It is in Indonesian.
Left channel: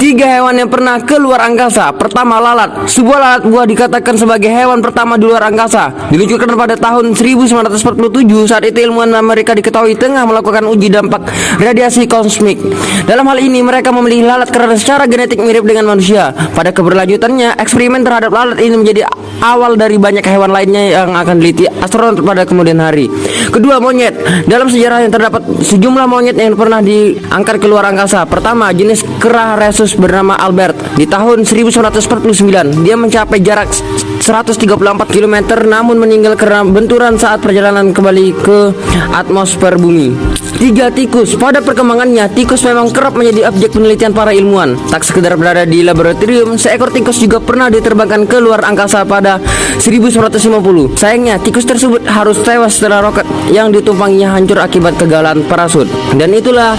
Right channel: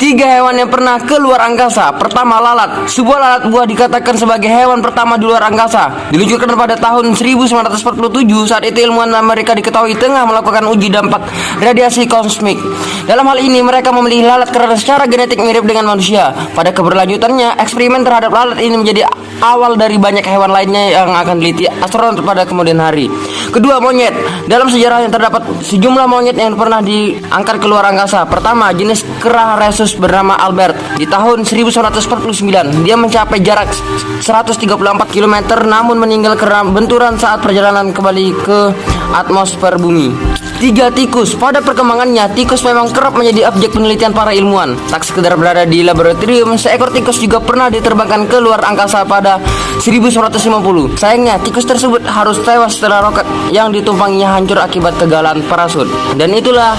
Tiga hewan yang pernah ke luar angkasa. Pertama, lalat. Sebuah lalat buah dikatakan sebagai hewan pertama di luar angkasa. Diluncurkan pada tahun 1947. Saat itu ilmuwan Amerika diketahui tengah melakukan uji dampak radiasi kosmik. Dalam hal ini mereka memilih lalat karena secara genetik mirip dengan manusia. Pada keberlanjutannya, eksperimen terhadap lalat ini menjadi awal dari banyak hewan lainnya yang akan diliti astronot pada kemudian hari. Kedua, monyet. Dalam sejarah yang terdapat sejumlah monyet yang pernah diangkat ke luar angkasa. Pertama, jenis kera rhesus bernama Albert. Di tahun 1949, dia mencapai jarak 134 km namun meninggal karena benturan saat perjalanan kembali ke atmosfer bumi. Tiga, tikus. Pada perkembangannya, tikus memang kerap menjadi objek penelitian para ilmuwan. Tak sekedar berada di laboratorium, seekor tikus juga pernah diterbangkan ke luar angkasa pada 1950. Sayangnya, tikus tersebut harus tewas setelah roket yang ditumpanginya hancur akibat kegagalan parasut. Dan itulah